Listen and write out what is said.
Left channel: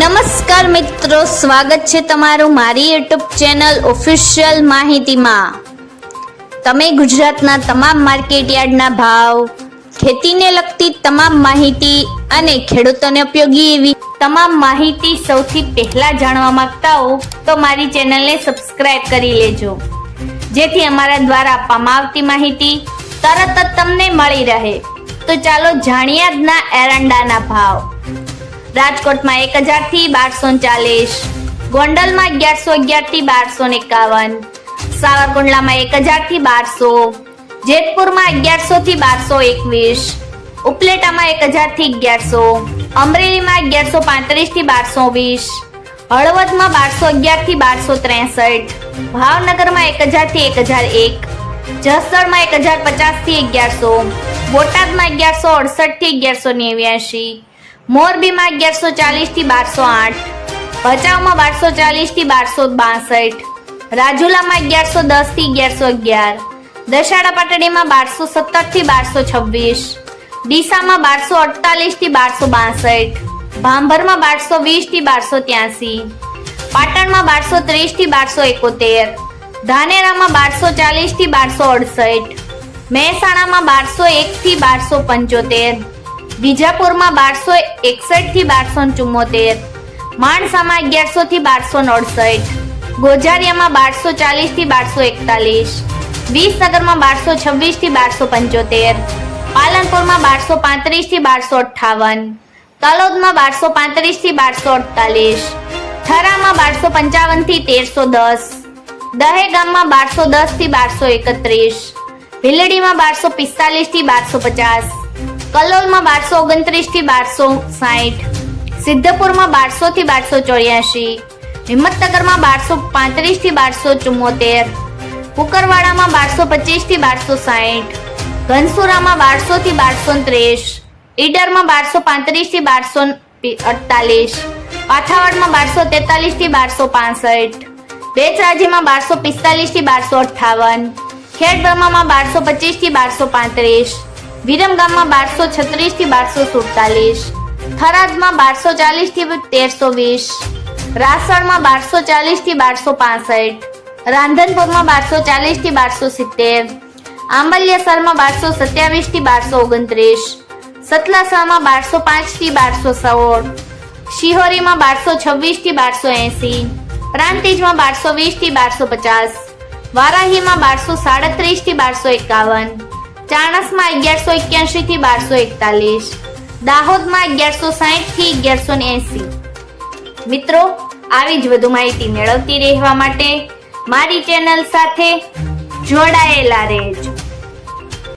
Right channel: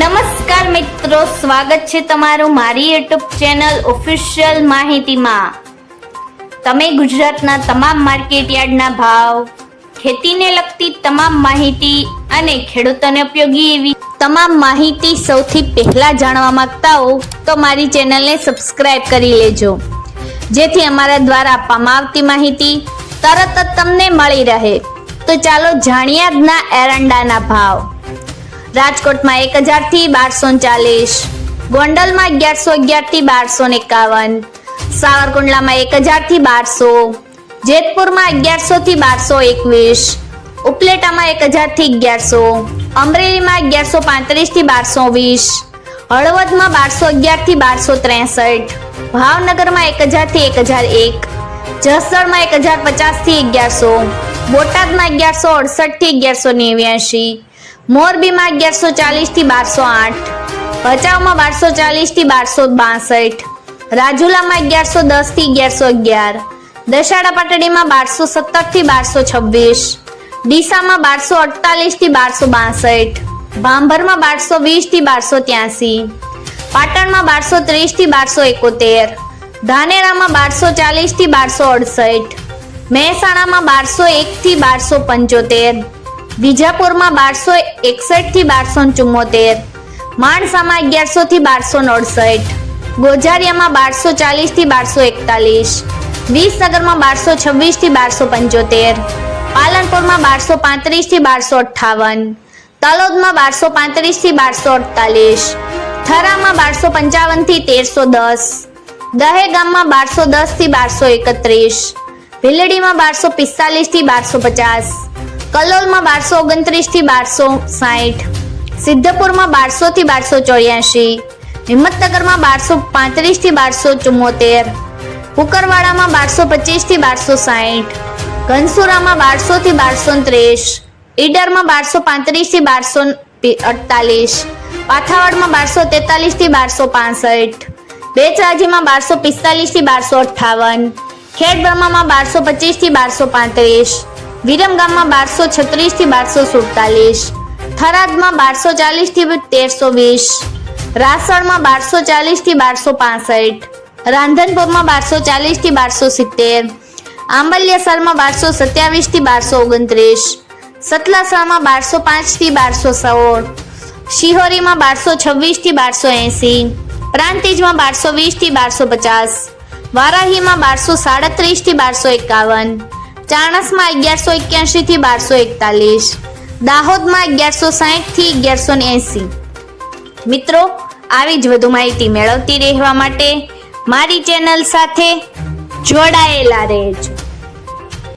નમસ્કાર મિત્રો, સ્વાગત છે તમારું મારી યુટ્યુબ ચેનલ ઓફિશિયલ માહિતીમાં। તમે ગુજરાતના તમામ માર્કેટયાર્ડના ભાવ, ખેતીને લગતી તમામ માહિતી અને ખેડૂતોને ઉપયોગી એવી તમામ માહિતી સૌથી પહેલા જાણવા માંગતા હો તો મારી ચેનલને સબસ્ક્રાઇબ કરી લેજો, જેથી અમારા દ્વારા આપવામાં આવતી માહિતી તરત જ તમને મળી રહે। તો ચાલો જાણીએ આજના એરંડાના ભાવ। રાજકોટમાં 1000 થી 1240, ગોંડલમાં 1111 થી 1251, સાવરકુંડલામાં 1000 થી 1200, જેતપુરમાં 1100 થી 1221, ઉપલેટામાં 1000 થી 1100, અમરેલીમાં 1135 થી 1220, હળવદમાં 1211 થી 1263, ભાવનગરમાં 1000 થી 1001, જસદણમાં 1050 થી 1100, બોટાદમાં 1168 થી 1189, મોરબીમાં 1140 થી 1208, ભચાઉમાં 1240 થી 1262, રાજુલામાં 1110 થી 1111, દશાડા પાટડીમાં 1217 થી 1226, ડીસામાં 1248 થી 1262, ભાંભરમાં 1220 થી 1283, પાટણમાં 1230 થી 1271, ધાનેરામાં 1240 થી 1268, મહેસાણામાં 1201 થી 1275, બીજાપુરમાં 1261 થી 1274, માણસામાં 1100 થી 1269, ગોઝારિયામાં 1240 થી 1241, વિસનગરમાં 1226 થી 1275, પાલનપુરમાં 1235 થી 1258, તલોદમાં 1235 થી 1248, થરામાં 1255 થી 1310, દહેગામમાં 1210 થી 1231, ભીલડીમાં 1245 થી 1250, કલોલમાં 1229 થી 1260, સિદ્ધપુરમાં 1200 થી 1284, હિંમતનગરમાં 1235 થી 1274, કુકરવાડામાં 1225 થી 1260, ઘનસુરામાં 1200 થી 1230, ઈડરમાં 1235 થી 1248, પાથાવાડમાં 1243 થી 1265, બેચરાજીમાં 1245 થી 1258, ખેડબ્રહ્મામાં 1225 થી 1235, વિરમગામમાં 1236 થી 1247, થરાદમાં 1240 થી 1320, રાસણમાં 1240 થી 1265, રાંધનપુરમાં 1240 થી 1270, આંબલિયાસરમાં 1227 થી 1229, સતલાસણામાં 1205 થી 1216, શિહોરીમાં 1226 થી 1280, પ્રાંતિજમાં 1220 થી 1250, વારાહીમાં 1237 થી 1251, ચાણસમાં 1181 થી 1241, દાહોદમાં 1160 થી 1180। મિત્રો, આવી જ વધુ માહિતી મેળવતી રહેવા માટે મારી ચેનલ સાથે જોડાયેલા રહેજો।